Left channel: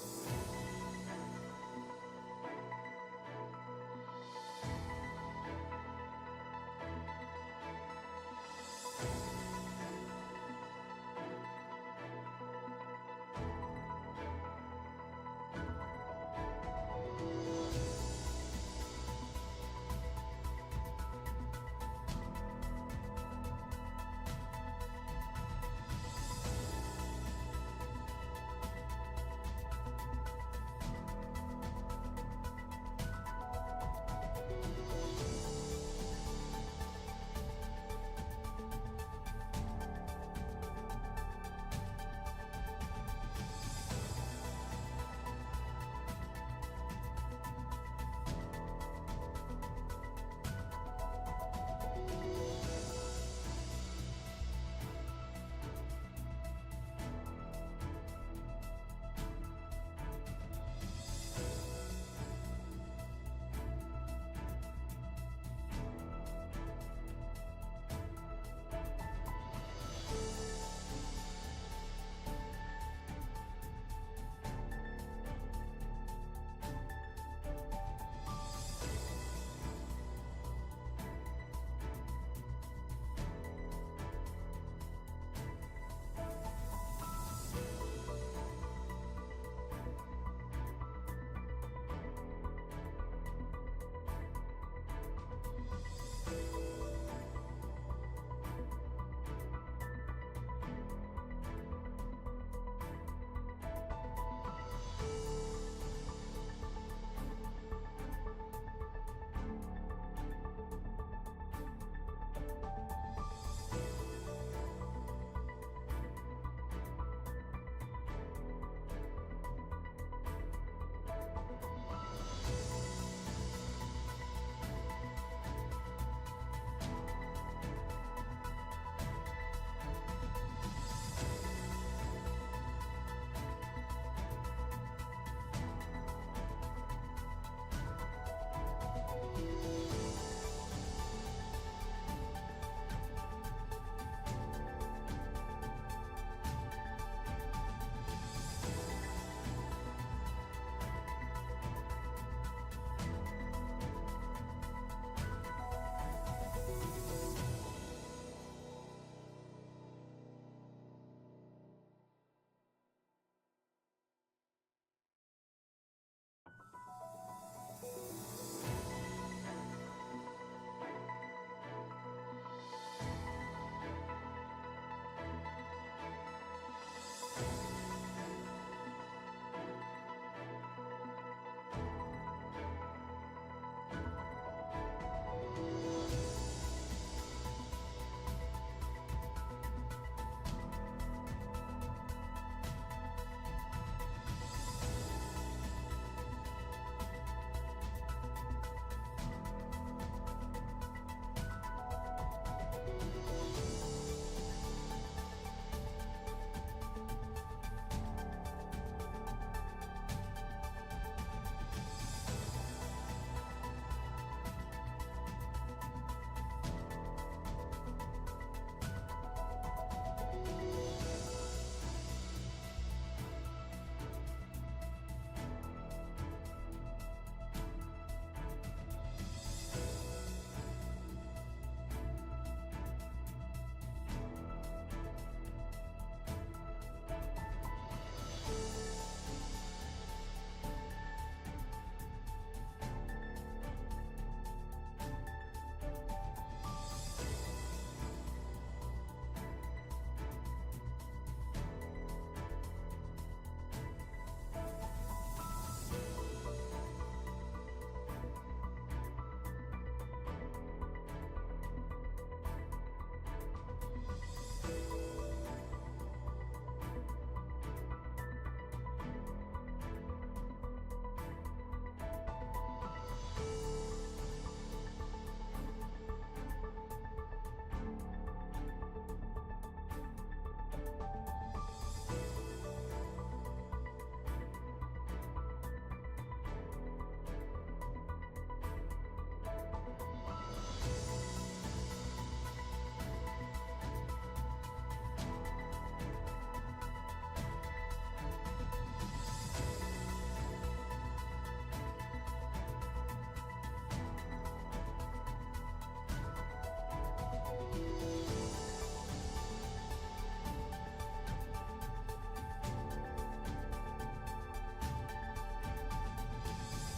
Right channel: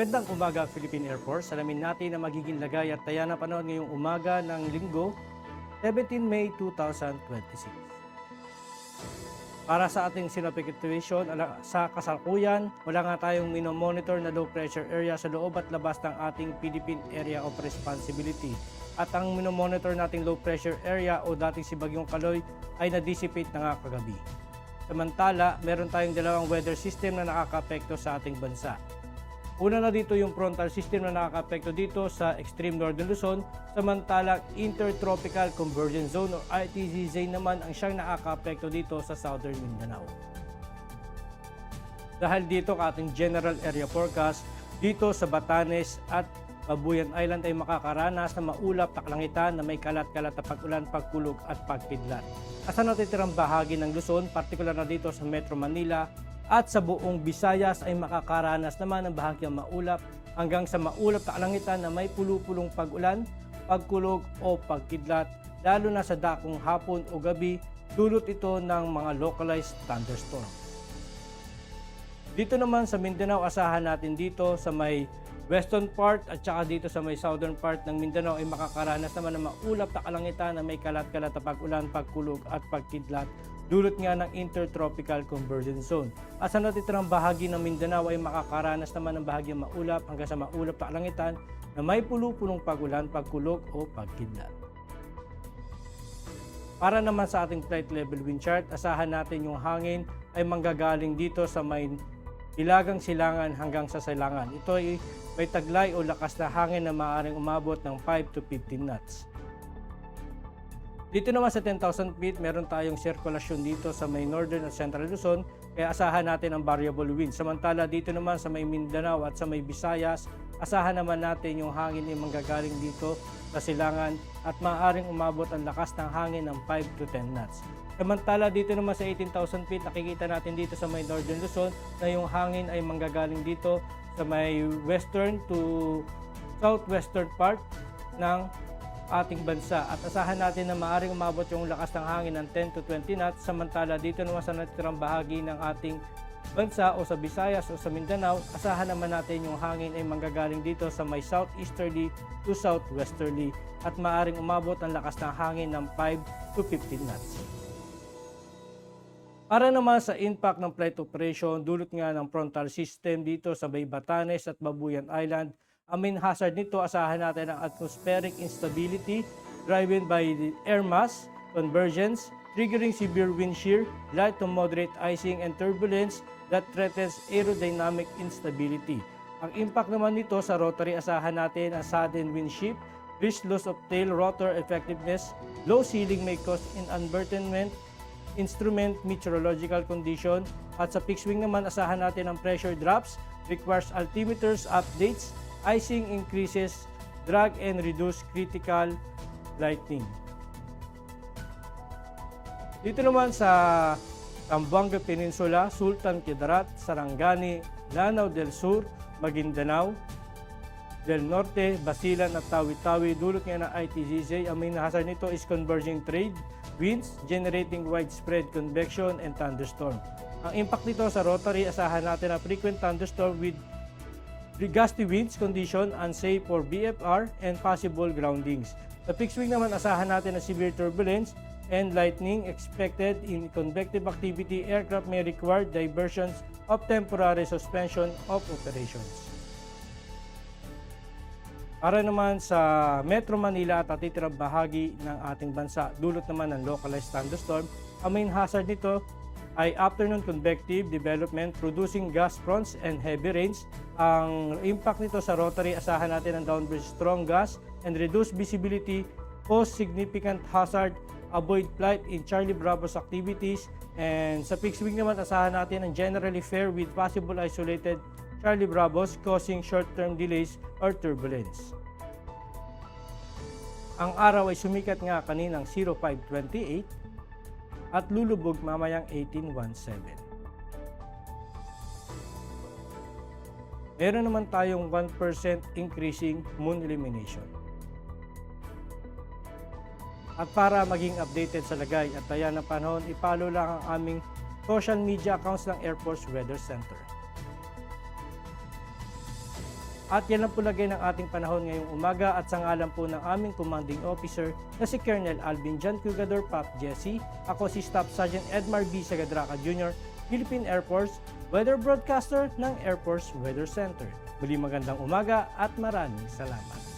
Magandang umaga Philippine Air Force. Alamin natin ang magiging lagay at taya ng panahon ngayong umaga ng Linggo, 17 May 2026. Para sa ating synoptic situation, sa kasalukuyan, wala nga tayong minomonitor na low pressure area sa loob at labas ng ating Philippine Area of Responsibility. At ang minomonitor nating low pressure area o dating si Bagyong Kaloy ay na-dissipate na nga kagabi. Samantala, meron tayong dalawang weather system na nakaka-apekto sa ating bansa. Una na dito yung frontal system na nakaka-apekto dito sa extreme northern Luzon, samantalang intertropical convergence zone o ITZ naman ang siyang nakaka-apekto dito sa southern Mindanao. Dahil dito ka ating general area forecast, dito sa Batanes at Babuyan Island ay makakaranas ng maulap na kalangitan na may kalat-kalat na pag-ulan, pagkulog at pagpidlat. At sa natitirang bahagi ng Luzon, partikular na dito sa Metro Manila, at sa buong Visayas ay makakaranas naman ng bahagyang maulap hanggang sa maulap na kalangitan na may pulupulong pag-ulan, pagkulog o pagkidlat, lalo na sa dakong hapon o gabi, dulot ito ng mga localized thunderstorm. Dito naman sa Mindanao, asahan natin dito sa may western part at saka dito sa may southern part ng Mindanao ay makakaranas naman ng maulap na kalangitan na may kalat-kalat na pag-ulan, pagkulog at pagkidlat, dulot nga ng intertropical convergence zone. At sa natitirang bahagi ng Mindanao ay makakaranas naman ng bahagyang maulap hanggang sa maulap na kalangitan na may pulupulong pag-ulan, pagkulog o pagkidlat. Para naman sa ating flight level wind chart, asahan natin yung hangin ay manggagaling dito sa may hilagang silangan hanggang sa silangan. Ito ay may taglay o lakas na hangin na maaaring umabot ng 5 to 15 knots. Dito naman sa 10,000 feet, meron tayong sirkulasyon dito sa may northern at central Luzon, kaya asahan natin ang variable wind. Samantala dito naman sa may Mindanao at sa may Visayas, asahan naman natin yung hangin ay manggagaling dito sa silangan at maaaring umabot ang lakas ng hangin ng 5 to 10 knots. Samantala dito naman sa 18,000 feet, nakikita natin dito sa may northern Luzon na yung hangin ay manggagaling dito sa may western to southwestern part ng ating bansa at asahan natin na maaaring umabot yung lakas ng hangin ng 10 to 20 knots. Samantala dito naman sa natitirang bahagi ng ating bansa o sa Visayas o sa Mindanao, asahan naman natin yung hangin ay manggagaling dito sa may southeasterly to southwesterly at maaaring umabot ang lakas ng hangin ng 5 to 15 knots. Para naman sa impact ng flight operation, dulot nga ng frontal system dito sa may Batanes at Babuyan Island, ang main hazard nito, asahan natin ang atmospheric instability driven by the air mass convergence, triggering severe wind shear, light to moderate icing and turbulence that threatens aerodynamic instability. Ang impact naman nito sa rotary, asahan natin ang sudden wind shift, risk loss of tail rotor effectiveness, low ceiling may cause inadvertent instrument meteorological condition, at sa fixed wing naman asahan natin ang pressure drops, requires altimeters updates, icing increases, drag and reduce critical lightning. Dito naman sa Zamboanga Peninsula, Sultan Kudarat, Sarangani, Lanao del Sur, Maguindanao del Norte, Basilan at Tawi-Tawi, dulot nga ng ITZZ. Ang main hazard nito is converging trade winds generating widespread convection and thunderstorm. Ang impact nito sa rotary, asahan natin na frequent thunderstorm with gusty winds condition unsafe for BFR and possible groundings. Sa fixed wing naman, asahan natin na severe turbulence and lightning expected in convective activity. Aircraft may require diversions of temporary suspension of operations. Para naman sa Metro Manila at natitirang bahagi ng ating bansa, dulot naman ng localized thunderstorm. Ang main hazard nito ay afternoon convective development producing gust fronts and heavy rains. Ang impact nito sa rotary, asahan natin ang downward strong gust and reduced visibility, pose significant hazard, avoid flight in Charlie Bravo's activities. And sa fixed wing naman, asahan natin ang generally fair with possible isolated Charlie Bravos causing short-term delays or turbulence. Ang araw ay sumikat nga kaninang 0528 at lulubog mamayang 1817. Meron naman tayong 1% increasing moon illumination. At para maging updated sa lagay at taya ng panahon, ipalo lang ang aming social media accounts ng Air Force Weather Center. At yan ang pulagay ng ating panahon ngayong umaga at sa ngalan po ng aming commanding officer na si Colonel Alvin John Cugador Pat Jesse, ako si Staff Sergeant Edmar B. Sagadraca Jr., Philippine Air Force Weather Broadcaster ng Air Force Weather Center. Muli magandang umaga at maraming salamat.